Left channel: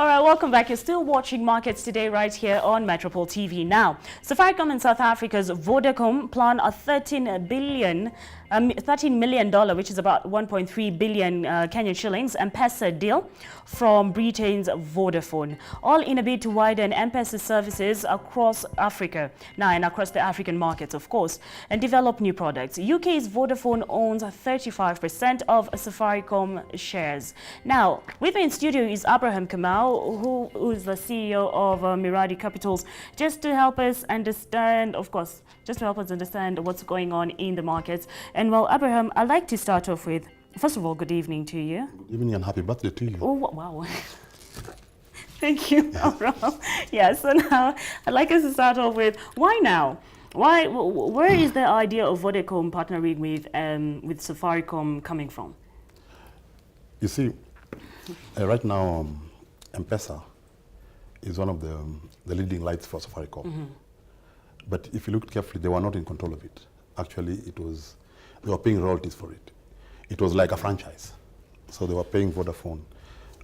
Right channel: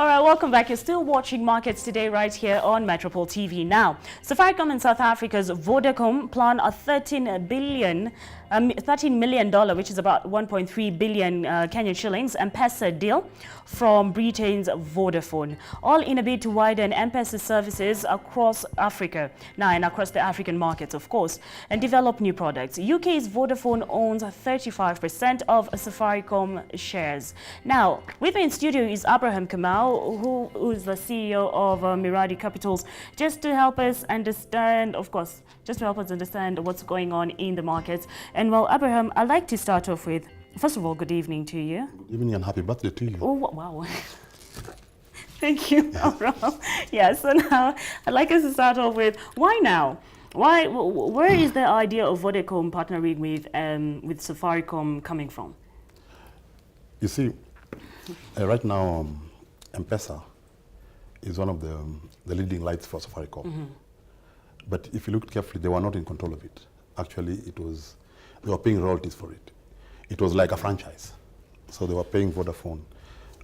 All right, welcome back. You're still watching Markets Today right here on Metropole TV. Now, Safaricom in South Africa's Vodacom plan a $13 million, which is about 1.3 billion Kenyan shillings, M-Pesa deal from Britain's Vodafone, all in a bid to widen M-Pesa services across Africa, now and across the African markets, of course, and develop new products. UK's Vodafone owns 35% of Safaricom shares. Now, with me in studio is Abraham Kamau, who is the CEO of Miradi Capitals, just to help us understand, of course, what's going on in the markets. And well, Abraham, I'd like to start off with, first of all, good evening to you. Good evening and happy birthday to you. Oh, wow. Thank you, Abraham. Yeah, so now I'd like us to start off with, why now? Where is the idea of Vodacom partnering with Safaricom coming from? You see, right now, M-Pesa is one of the leading lights for Safaricom. Mm-hmm. But if you look carefully, they were not in control of it. Actually, they were paying royalties for it. It was like a franchise. So they were paying Vodafone,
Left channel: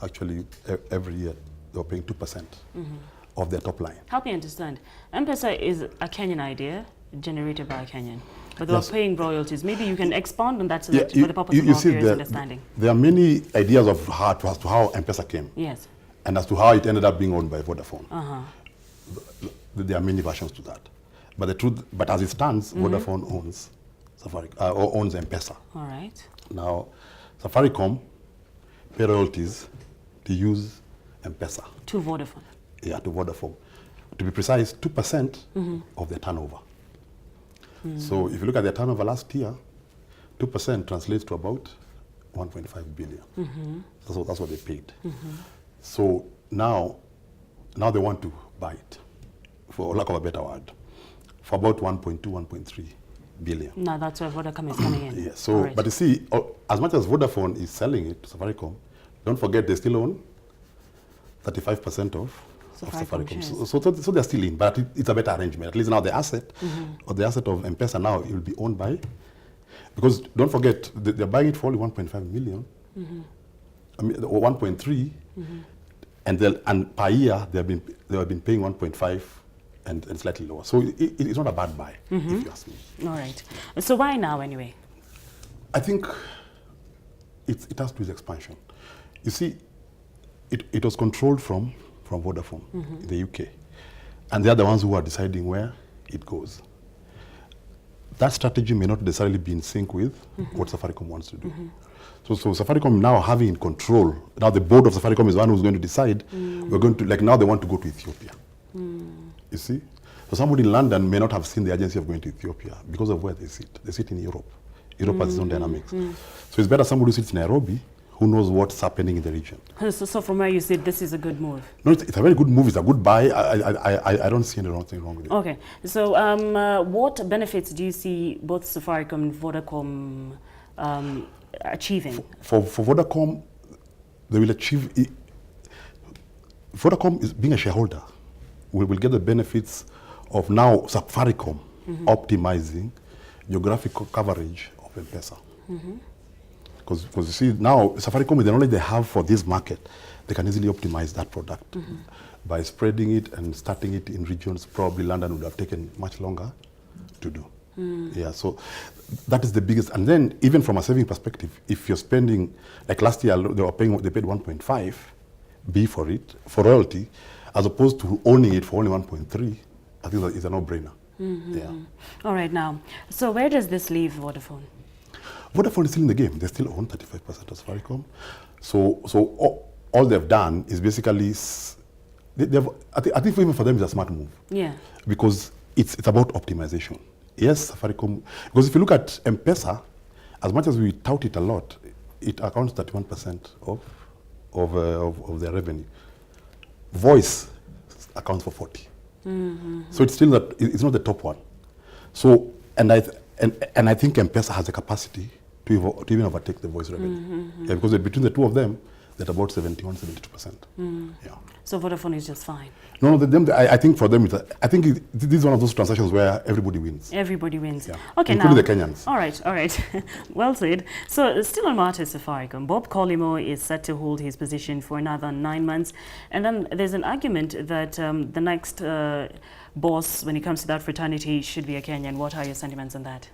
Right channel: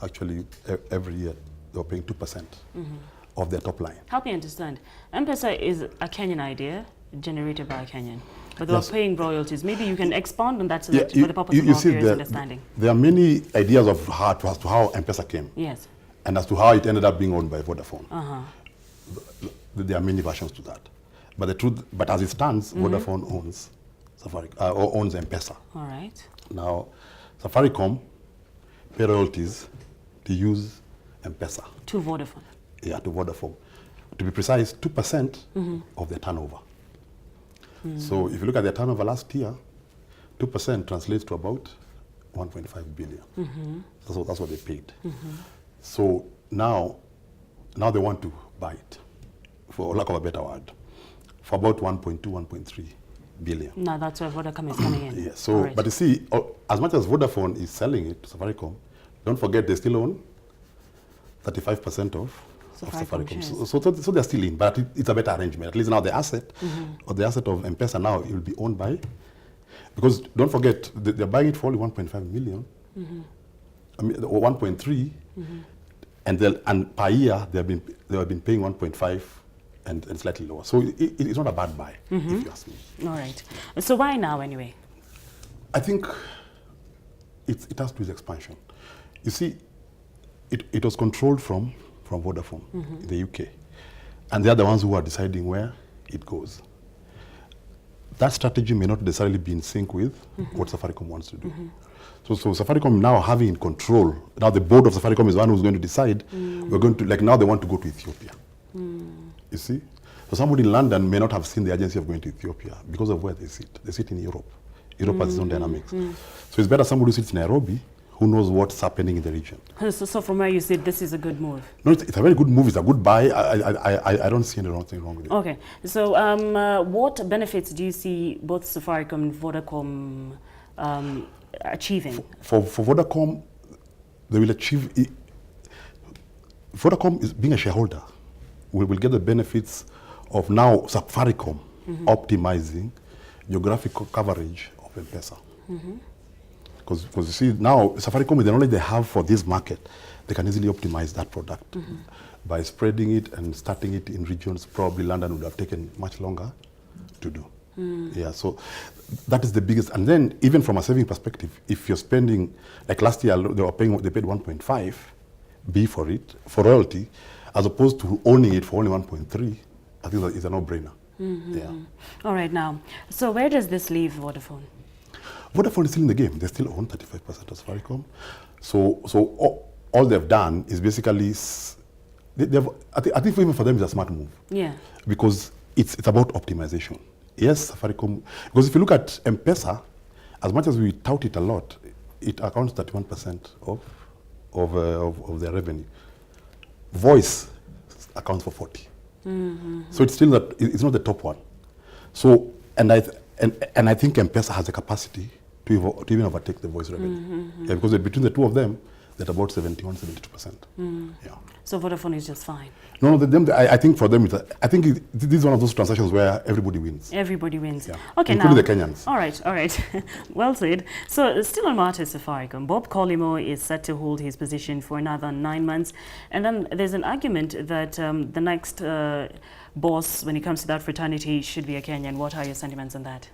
actually, every year, they were paying 2% of their top line. Help me understand. M-Pesa is a Kenyan idea, generated by a Kenyan. But they were paying royalties. Maybe you can expand on that for the purpose of our viewers' understanding. There are many ideas as to how M-Pesa came. Yes. And as to how it ended up being owned by Vodafone. There are many versions to that. But as it stands, Vodafone owns owns M-Pesa. All right. Now, Safaricom pay royalties to use M-Pesa. To Vodafone. Yeah, to Vodafone. To be precise, 2% of their turnover. So if you look at their turnover last year, 2% translates to about 1.5 billion. That's what they paid. So now they want to buy it, for lack of a better word, for about 1.2, 1.3 billion. Now that's where Vodacom is coming in. Yeah, so, right. But you see, as much as Vodafone is selling it to Safaricom, don't forget they still own 35% of Safaricom. So they're still in, but it's a better arrangement. At least now the asset, or the asset of M-Pesa now, it will be owned by, because don't forget, they're buying it for only 1.5 million, I mean, 1.3, and per year they have been paying 1.5 and slightly lower. So it's not a bad buy, if you ask me. All right. So why now anyway? I think it has to do with expansion. You see, it was controlled from Vodafone in the UK. And they are the ones who are deciding where it goes. That strategy may not necessarily be in sync with what Safaricom wants to do. So Safaricom now having in control, now the board of Safaricom is the one who's going to decide, we're going to, like now they want to go to Ethiopia. You see? So somebody in London may not have seen the urgency of going to Ethiopia because of where they sit. They sit in Europe. Europe has its own dynamics. So it's better somebody who sits in Nairobi who knows what's happening in the region. So from where you sit, this is a good move? No, it's a very good move. It's a good buy. I don't see anything wrong with it. Okay. So what benefits do you see both Safaricom and Vodacom achieving? For Vodacom, they will achieve... Vodacom is being a shareholder. We will get the benefits of now Safaricom optimizing geographical coverage of M-Pesa. Because you see, now Safaricom, with the knowledge they have for this market, they can easily optimize that product by spreading it and starting it in regions probably London would have taken much longer to do. Yeah, so that is the biggest. And then even from a saving perspective, if you're spending, like last year, they paid 1.5 B for it, for royalty, as opposed to owning it for only 1.3, I think that is a no-brainer. Yeah. All right, now, so where does this leave Vodafone? Vodafone is still in the game. They still own 35% of Safaricom. So all they've done is basically, I think even for them it's a smart move. Yeah. Because it's about optimization. Yes, Safaricom, because if you look at M-Pesa, as much as we tout it a lot, it accounts 31% of their revenue. Voice accounts for 40. So it's still that it's not the top one. So and I think M-Pesa has the capacity to even overtake the voice revenue. Yeah, because between the two of them, at about 71, 72%. Yeah. So Vodafone is just fine. No, I think for them, this is one of those transactions where everybody wins. Everybody wins. Yeah. Okay, including now, the Kenyans. All right. Well said. So still on matters Safaricom, Bob Collymore is set to hold his position for another 9 months. And then there's an argument that the next boss, when it comes to that fraternity, should be a Kenyan. What are your sentiments on that?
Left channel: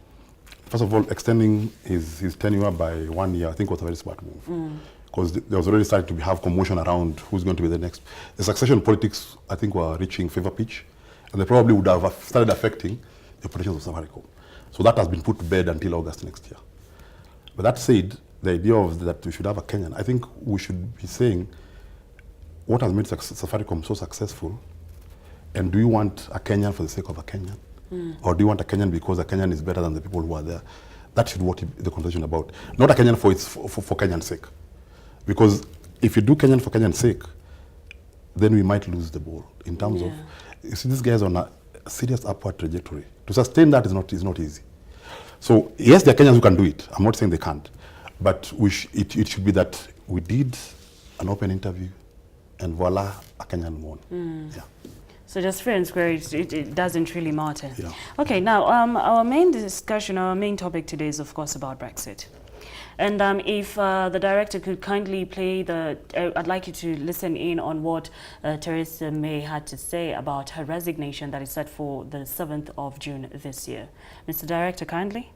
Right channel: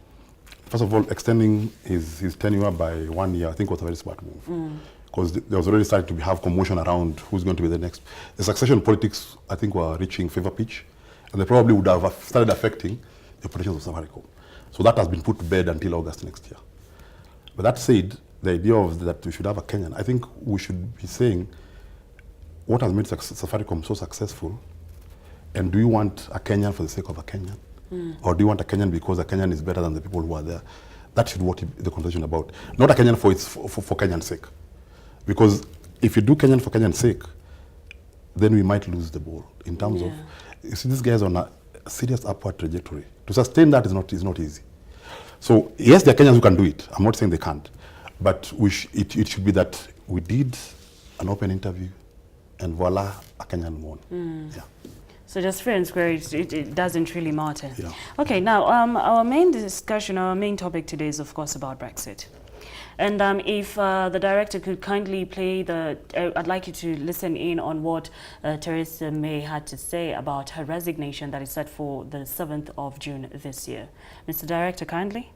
First of all, extending his tenure by 1 year, I think, was a very smart move. Because there was already starting to have commotion around who's going to be the next. The succession politics, I think, were reaching fever pitch, and they probably would have started affecting the operations of Safaricom. So that has been put to bed until August next year. But that said, the idea of that we should have a Kenyan, I think we should be saying, what has made Safaricom so successful, and do you want a Kenyan for the sake of a Kenyan? Or do you want a Kenyan because a Kenyan is better than the people who are there? That should be what the conversation about. Not a Kenyan for Kenyan's sake. Because if you do Kenyan for Kenyan's sake, then we might lose the ball in terms of, you see, this guy is on a serious upward trajectory. To sustain that is not easy. So yes, there are Kenyans who can do it. I'm not saying they can't, but it should be that we did an open interview, and voila, a Kenyan won. Yeah. So just fair and square, it doesn't really matter. Yeah. Okay, now our main discussion, our main topic today is of course about Brexit. And if the director could kindly play I'd like you to listen in on what Theresa May had to say about her resignation that is set for the 7th of June this year. Mr. Director, kindly.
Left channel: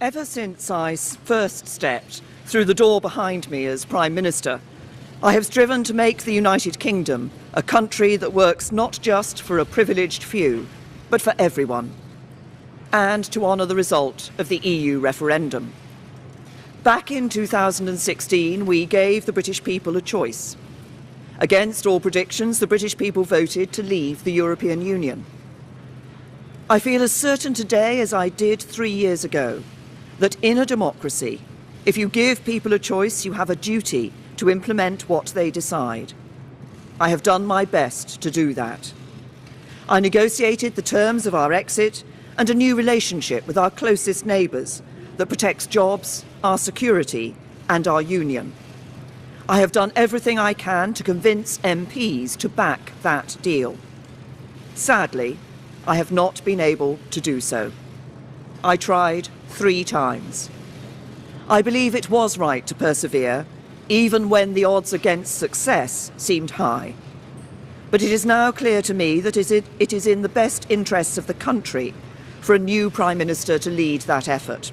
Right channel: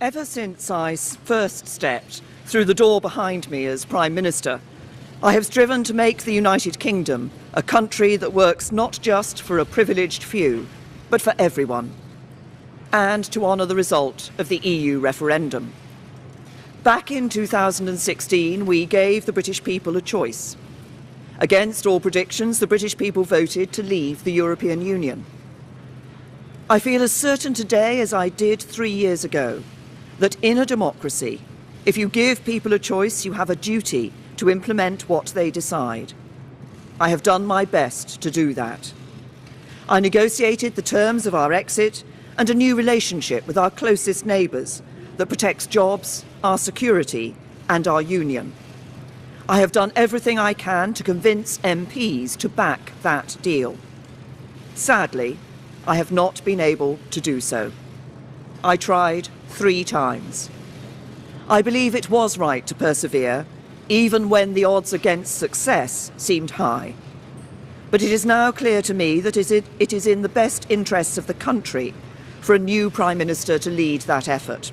Ever since I first stepped through the door behind me as Prime Minister, I have striven to make the United Kingdom a country that works not just for a privileged few, but for everyone, and to honour the result of the EU referendum. Back in 2016, we gave the British people a choice. Against all predictions, the British people voted to leave the European Union. I feel as certain today as I did 3 years ago that in a democracy, if you give people a choice, you have a duty to implement what they decide. I have done my best to do that. I negotiated the terms of our exit and a new relationship with our closest neighbours that protects jobs, our security and our union. I have done everything I can to convince MPs to back that deal. Sadly, I have not been able to do so. I tried 3 times. I believe it was right to persevere, even when the odds against success seemed high. But it is now clear to me that it is in the best interests of the country for a new Prime Minister to lead that effort.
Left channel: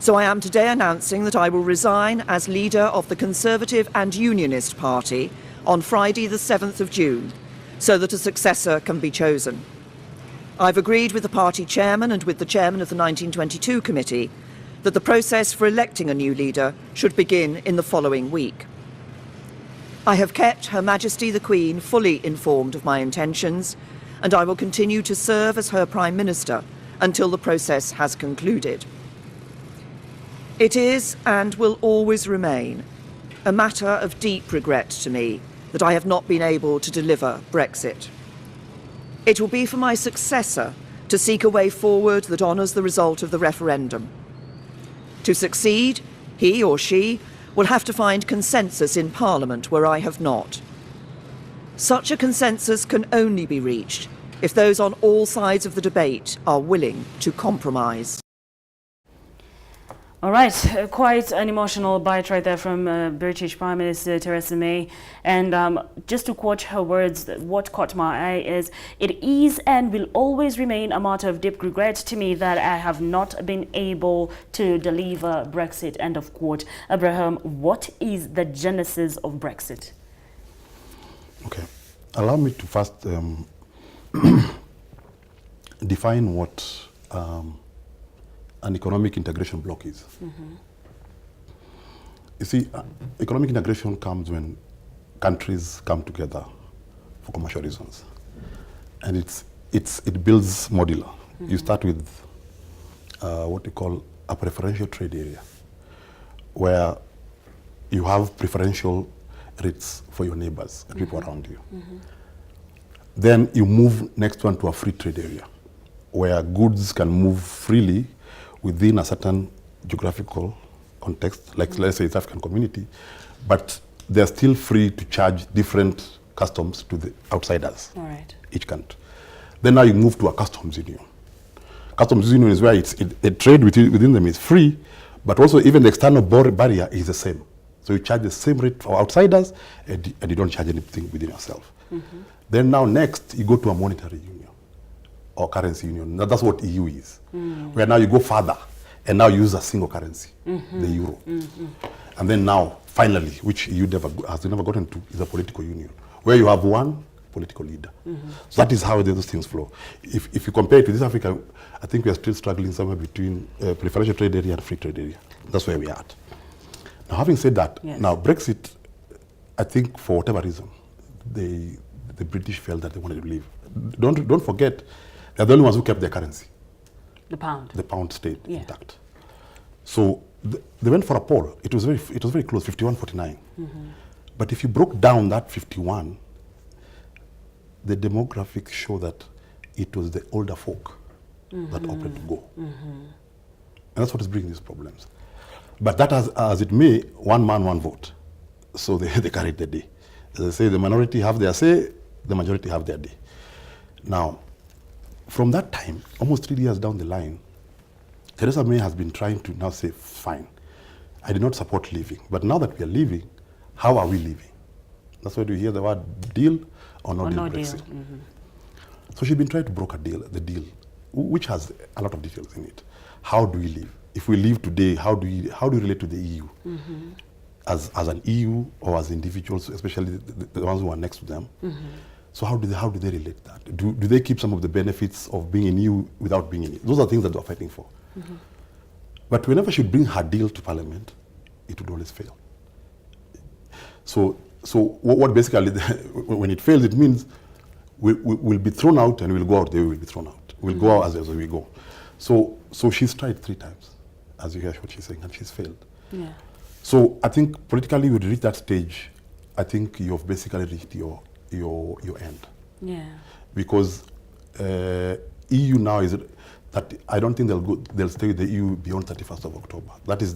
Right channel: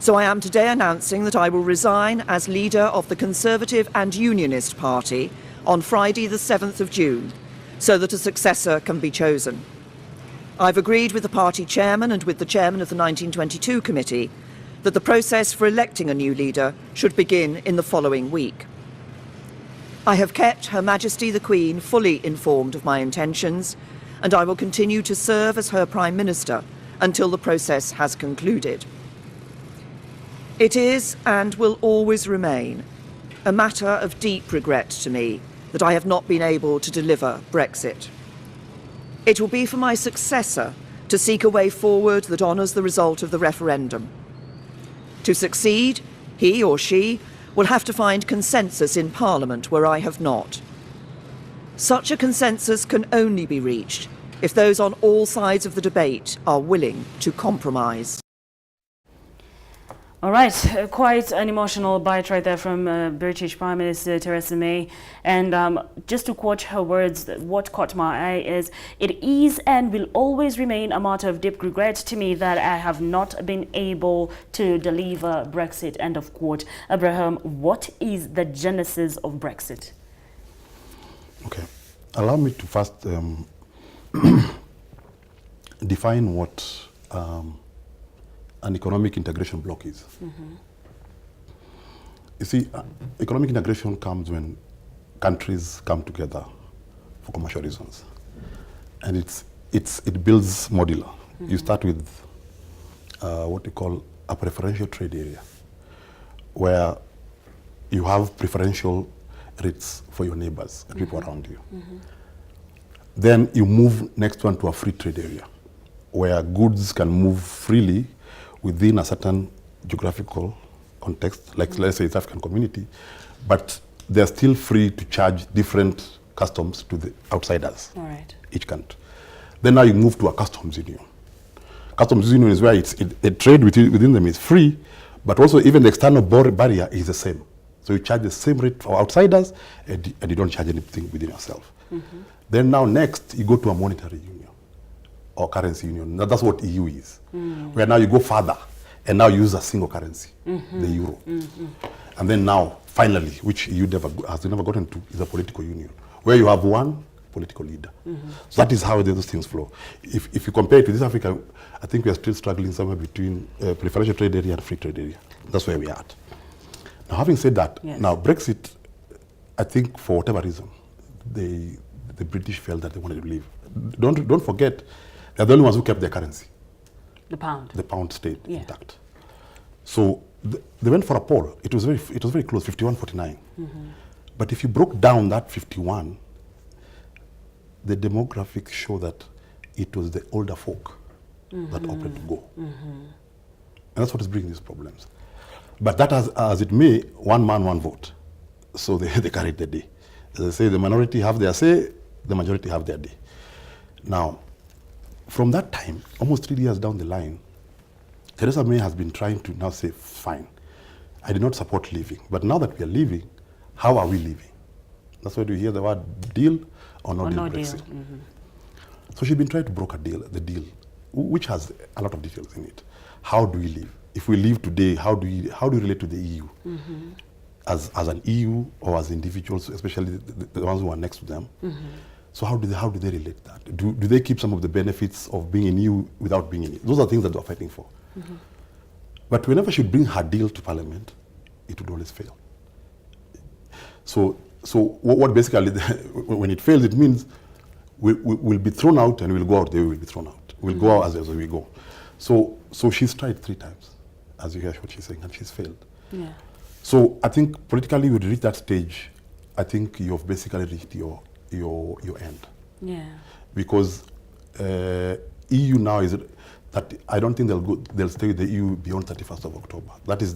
So I am today announcing that I will resign as leader of the Conservative and Unionist Party on Friday the 7th of June, so that a successor can be chosen. I've agreed with the party chairman and with the chairman of the 1922 committee that the process for electing a new leader should begin in the following week. I have kept Her Majesty the Queen fully informed of my intentions, and I will continue to serve as her Prime Minister until the process has concluded. It is, and will always remain, a matter of deep regret to me that I have not been able to deliver Brexit. It will be for my successor to seek a way forward that honours the result of the referendum. To succeed, he or she will have to find consensus in Parliament where I have not. Such a consensus can only be reached if those on all sides of the debate are willing to compromise. All right, quite an emotional bite right there from British Prime Minister Theresa May. And just to quote her words, what caught my eye is, "It is and will always remain a matter of deep regret to me that I have not been able to deliver Brexit," end of quote. Abraham, what is the genesis of Brexit? Okay, allow me to first define what an economic integration bloc is. You see, economic integration comes when countries come together for commercial reasons, and it builds modular. You start with what we call a preferential trade area, where you have preferential rates for your neighbors and people around you. Then you move next one to a free trade area, where goods can move freely within a certain geographical context, like let's say it's African community, but they're still free to charge different customs to the outsiders, All right. each country. Then now you move to a customs union. Customs union is where a trade within them is free, but also even the external barrier is the same. So you charge the same rate for outsiders, and you don't charge anything within yourself. Then now next, you go to a monetary union or currency union. Now that's what EU is, where now you go further and now use a single currency, the euro. And then now, finally, which EU has never gotten to, is a political union, where you have one political leader. So that is how those things flow. If you compare it to this Africa, I think we are still struggling somewhere between preferential trade area and free trade area. That's where we are at. Now, having said that, now Brexit, I think for whatever reason, the British felt that they wanted to leave. Don't forget, they're the only ones who kept their currency. The pound. The pound stayed intact. So they went for a poll. It was very close, 51-49. But if you broke down that 51, the demographics show that it was the older folk that opted to go. And that's what is bringing these problems. But that as it may, one man, one vote. So they carried the day. As I say, the minority have their say, the majority have their day. Now, from that time, almost 3 years down the line, Theresa May has been trying to now say, fine, I did not support leaving, but now that we are leaving, how are we leaving? That's why you hear the word deal or no deal Brexit. So she's been trying to broker the deal, which has a lot of details in it. How do we leave? If we leave today, how do we relate to the EU? As an EU or as individuals, especially the ones who are next to them. So how do they relate that? Do they keep some of the benefits of being in EU without being in EU? Those are things that they're fighting for. But whenever she bring her deal to Parliament, it would always fail. So what basically, when it fails, it means we'll be thrown out and we'll go out the way we'll be thrown out. We'll go out as we go. So she's tried 3 times, as you hear what she's saying, and she's failed. Yeah. So I think politically, when you reach that stage, I think you've basically reached your end. Yeah. Because EU now is that I don't think they'll stay with the EU beyond 31st of October. That is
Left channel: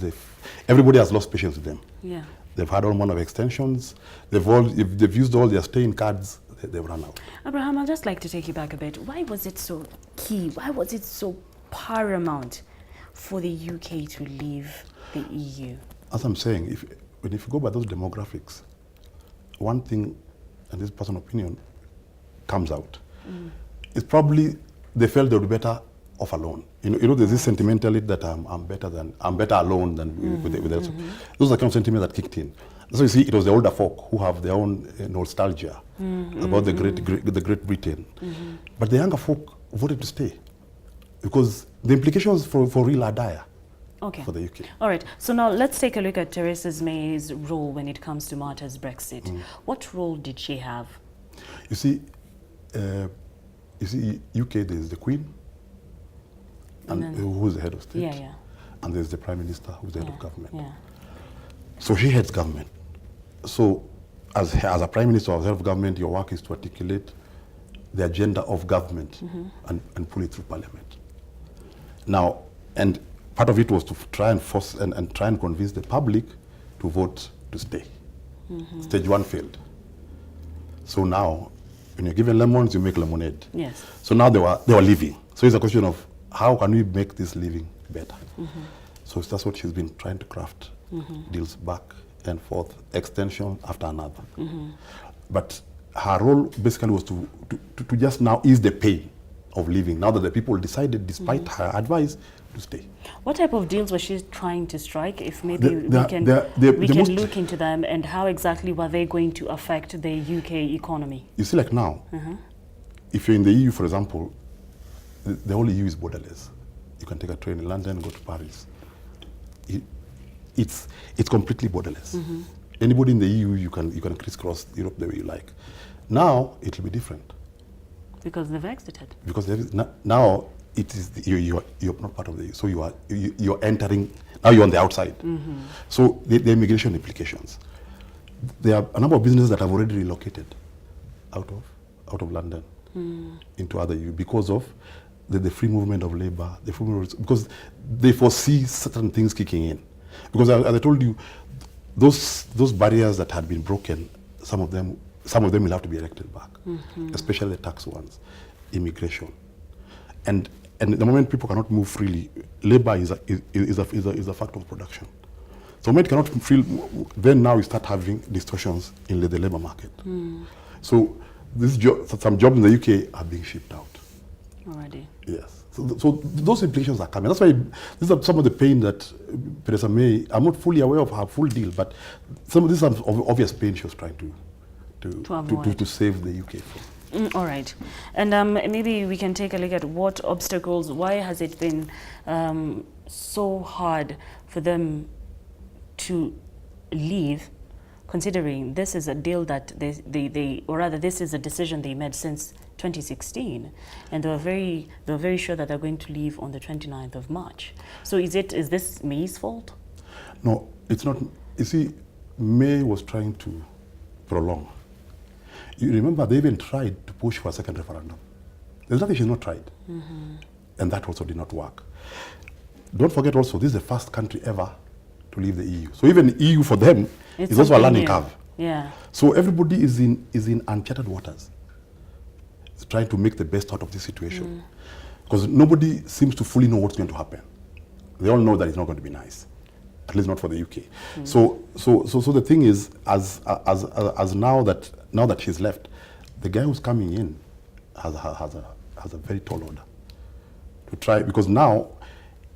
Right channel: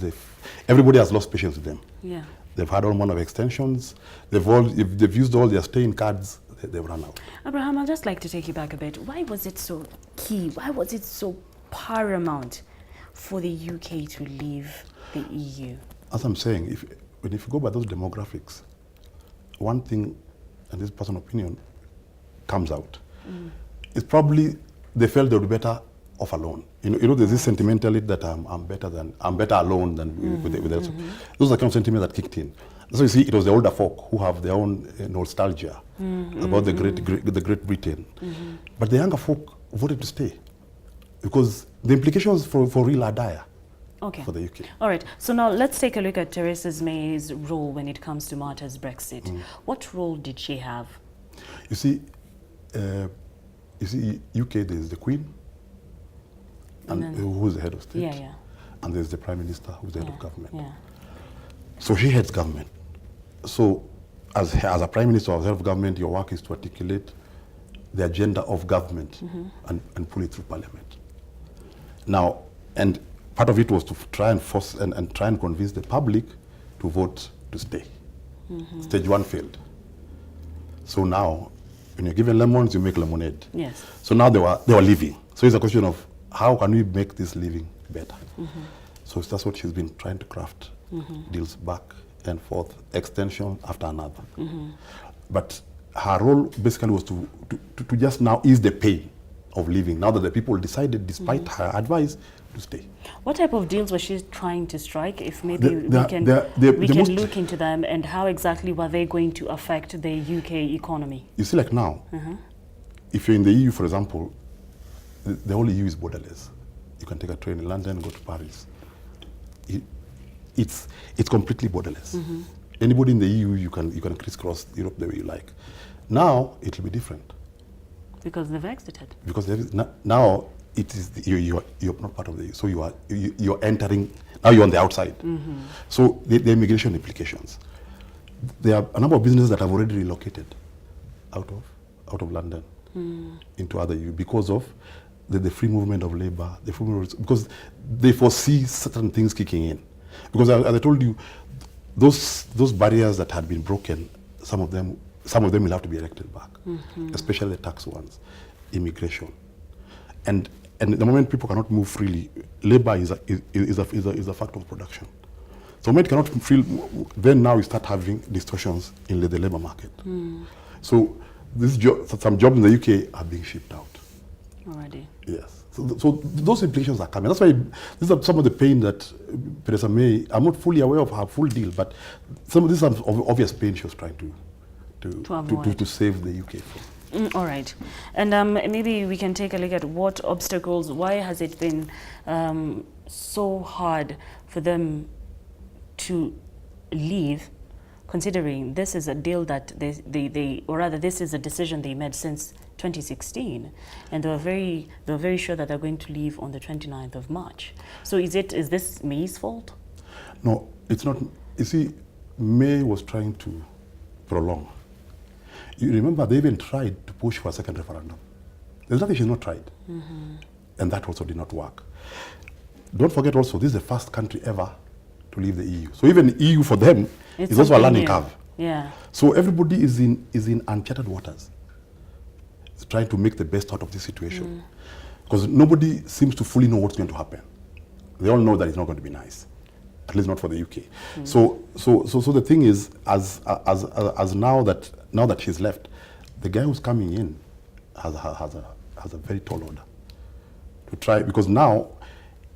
everybody has lost patience with them. Yeah. They've had all manner of extensions. They've used all their staying cards. They've run out. Abraham, I'd just like to take you back a bit. Why was it so key? Why was it so paramount for the UK to leave the EU? As I'm saying, if you go by those demographics, one thing, and this personal opinion, comes out. It's probably they felt they would be better off alone. You know, there's this sentimentality that I'm better alone than with others. Those are the kind of sentiment that kicked in. So you see, it was the older folk who have their own nostalgia about the Great Britain, but the younger folk voted to stay because the implications for real are dire. Okay. For the UK. All right. So now let's take a look at Theresa May's role when it comes to matters Brexit. What role did she have? You see, UK, there's the Queen, and who's the head of state. Yeah. And there's the Prime Minister, who's the head of government. Yeah. So she heads government. So as a Prime Minister or head of government, your work is to articulate the agenda of government and pull it through Parliament. Now, and part of it was to try and force and try and convince the public to vote to stay. Stage 1 failed. So now, when you're given lemons, you make lemonade. Yes. So now they were leaving. So it's a question of how can we make this living better? So that's what she's been trying to craft. Deals back and forth, extension after another. But her role basically was to just now ease the pain of leaving, now that the people decided, despite her advice, to stay. What type of deals was she trying to strike? If maybe we can look into them, and how exactly were they going to affect the UK economy? You see, like now, if you're in the EU, for example, the whole EU is borderless. You can take a train in London, go to Paris. It's completely borderless. Anybody in the EU, you can crisscross Europe the way you like. Now it will be different. Because they've exited. Because now it is you're not part of the EU, so you're entering. Now you're on the outside. So the immigration implications. There are a number of businesses that have already relocated out of London into other EU because of the free movement of labor, because they foresee certain things kicking in. Because as I told you, those barriers that had been broken, some of them will have to be erected back, especially the tax ones, immigration, and the moment people cannot move freely, labor is a factor of production. So the moment you cannot feel, then now you start having distortions in the labor market. So some jobs in the UK are being shipped out already. Yes. So those implications are coming. That's why these are some of the pain that Theresa May, I'm not fully aware of her full deal, but some of these are obvious pain she was trying to save the UK from. All right. And maybe we can take a look at what obstacles, why has it been so hard for them to leave, considering this is a deal that this is a decision they made since 2016, and they were very sure that they're going to leave on the 29th of March. So is this May's fault? No, it's not. You see, May was trying to prolong. You remember they even tried to push for a second referendum. There's nothing she's not tried. And that also did not work. Don't forget also, this is the first country ever to leave the EU. So even EU for them is also a learning curve. Yeah. So everybody is in uncharted waters, trying to make the best out of this situation. Because nobody seems to fully know what's going to happen. They all know that it's not going to be nice, at least not for the UK. So the thing is, as now that she's left, the guy who's coming in has a very tall order to try, because now,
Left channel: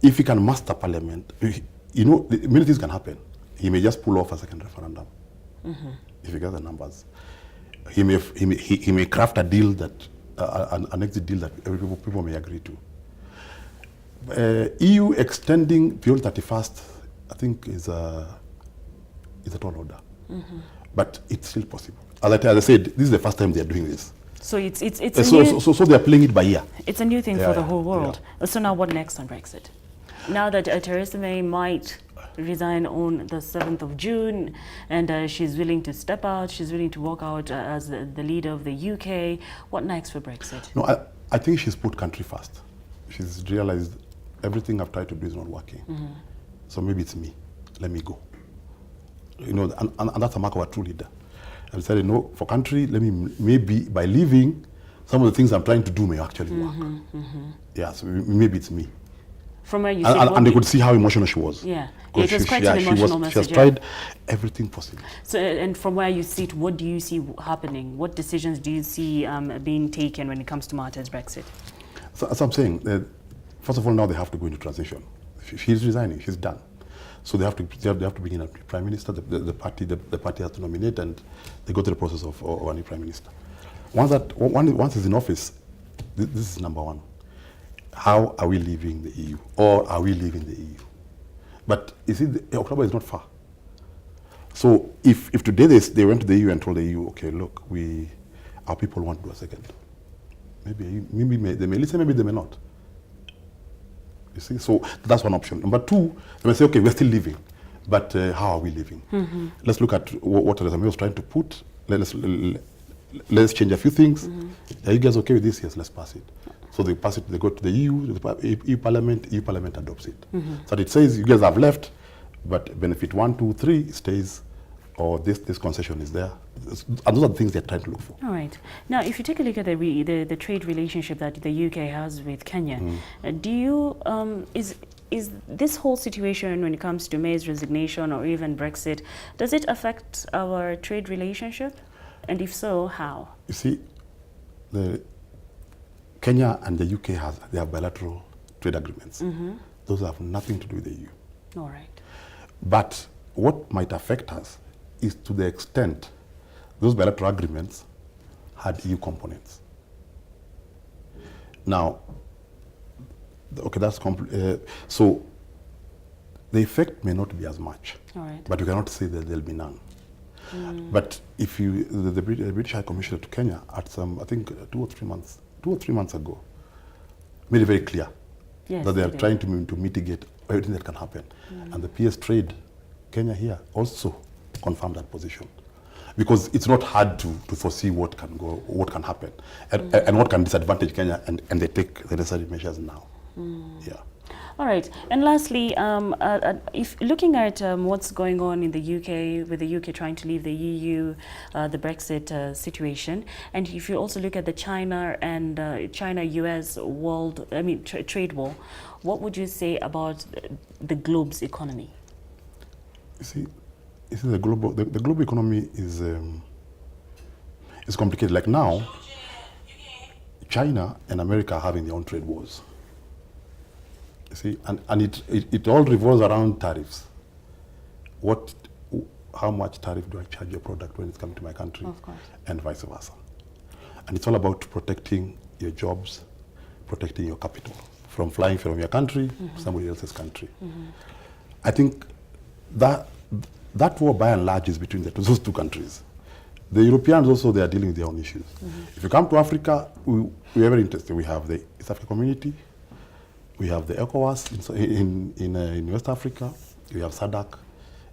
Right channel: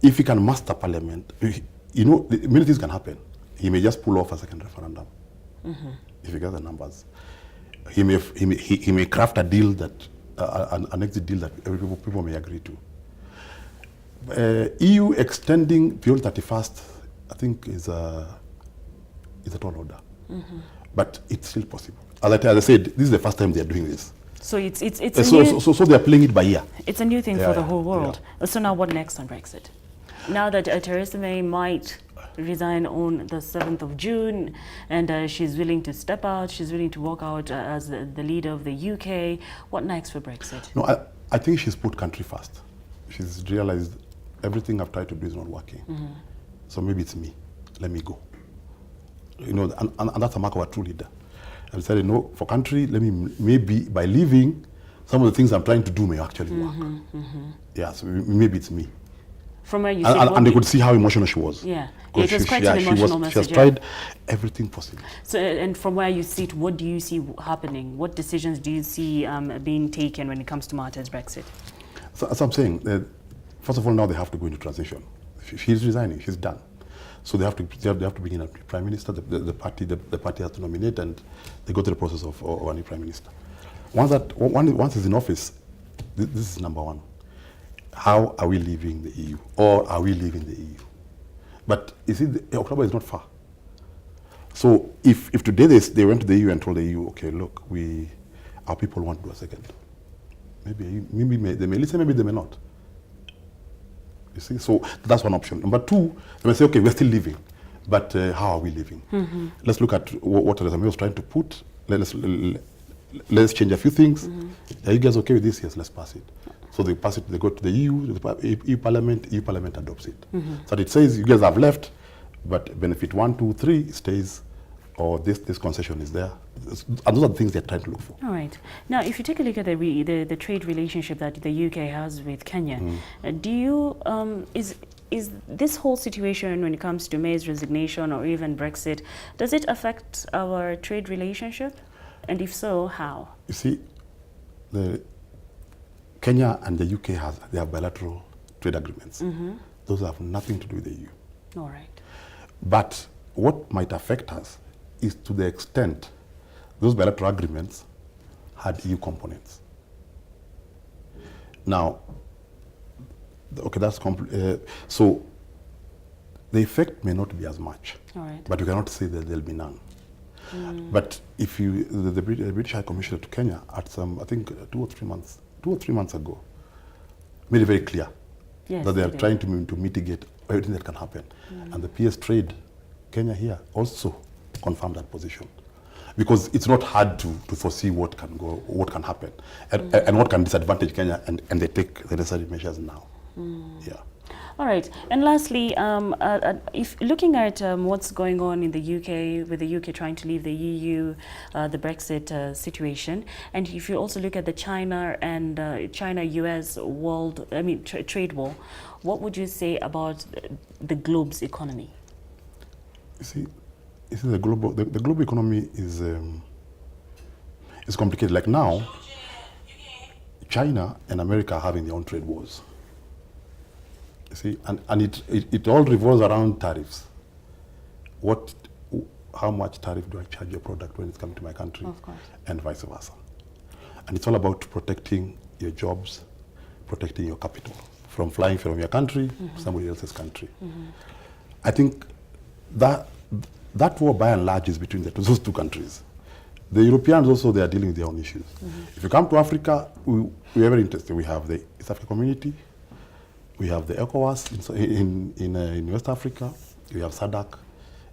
if he can master parliament, many things can happen. He may just pull off a second referendum if he gets the numbers. He may craft a deal that an exit deal that people may agree to. EU extending beyond 31st, I think, is a tall order, but it's still possible. As I said, this is the first time they are doing this. So it's so they are playing it by ear. It's a new thing for the whole world. Yeah. So now what next on Brexit? Now that Theresa May might resign on the 7th of June, and she's willing to step out, she's willing to walk out as the leader of the UK, what next for Brexit? No, I think she's put country first. She's realized everything I've tried to do is not working. So maybe it's me. Let me go. And that's a mark of a true leader. And said, for country, maybe by leaving, some of the things I'm trying to do may actually work. Yeah, so maybe it's me. From where you and they could see how emotional she was. Yeah, it was quite an emotional message. She has tried everything possible. So, and from where you sit, what do you see happening? What decisions do you see being taken when it comes to matters Brexit? So, as I'm saying, first of all, now they have to go into transition. She's resigning. She's done. So they have to bring in a prime minister. The party has to nominate, and they go through the process of a new prime minister. Once he's in office, this is number one. How are we leaving the EU, or are we leaving the EU? But you see, October is not far. So if today they went to the EU and told the EU, okay, look, our people want to do a second. Maybe they may listen, maybe they may not. You see, so that's one option. Number two, they may say, okay, we're still leaving, but how are we leaving? Let's look at what Theresa May was trying to put. Let's change a few things. Are you guys okay with this? Yes, let's pass it. So they pass it, they go to the EU Parliament adopts it. So it says you guys have left, but benefit 1, 2, 3 stays, or this concession is there. And those are the things they're trying to look for. All right. Now, if you take a look at the trade relationship that the UK has with Kenya, do you, is this whole situation when it comes to May's resignation or even Brexit, does it affect our trade relationship? And if so, how? You see, Kenya and the UK have bilateral trade agreements. Those have nothing to do with the EU. All right. But what might affect us is to the extent those bilateral agreements had EU components. Now, okay, that's so the effect may not be as much. All right. But you cannot say that there'll be none. But if the British High Commissioner to Kenya at I think 2 or 3 months ago, made it very clear that they are trying to mitigate everything that can happen. And the PS Trade Kenya here also confirmed that position. Because it's not hard to foresee what can happen, and what can disadvantage Kenya, and they take the necessary measures now. Yeah. All right. And lastly, if looking at what's going on in the UK, with the UK trying to leave the EU, the Brexit situation, and if you also look at the China and China-US trade war, what would you say about the globe's economy? You see, the global economy is complicated. Like now, China and America are having their own trade wars. You see, and it all revolves around tariffs. How much tariff do I charge your product when it's coming to my country? Of course. And vice versa. And it's all about protecting your jobs, protecting your capital from flying from your country to somebody else's country. I think that war, by and large, is between those two countries. The Europeans also, they are dealing with their own issues. If you come to Africa, we are very interested. We have the East African Community, we have the ECOWAS in West Africa, we have SADC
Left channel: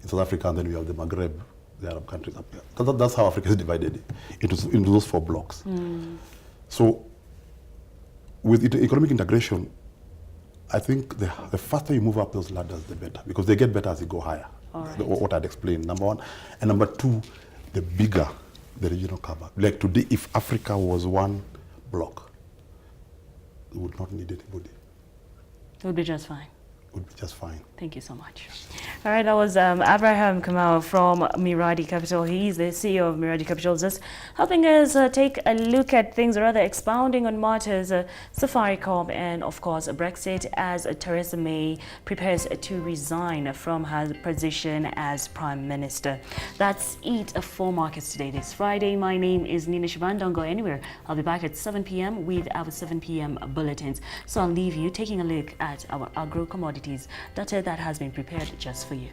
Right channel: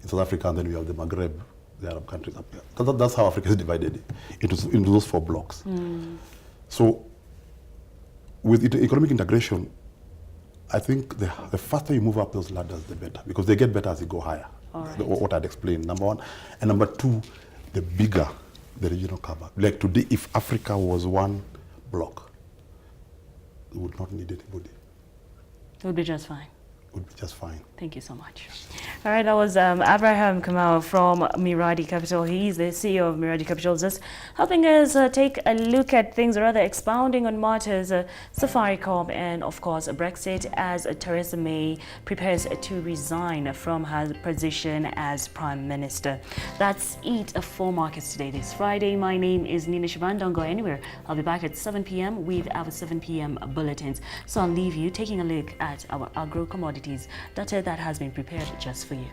in South Africa, and then we have the Maghreb, the Arab countries up there. That's how Africa is divided into those 4 blocks. So with economic integration, I think the faster you move up those ladders, the better, because they get better as you go higher. Right. What I'd explained, number one. And number two, the bigger the regional cover. Like today, if Africa was one block, we would not need anybody. It would be just fine. Would be just fine. Thank you so much. All right, that was Abraham Kamau from Miradi Capital. He's the CEO of Miradi Capital, just helping us take a look at things, or rather expounding on matters, Safaricom and, of course, Brexit, as Theresa May prepares to resign from her position as Prime Minister. That's it for Markets Today this Friday. My name is Nina Shaban. Don't go anywhere. I'll be back at 7 p.m. with our 7 p.m. bulletins. So I'll leave you taking a look at our agro commodities data that has been prepared just for you.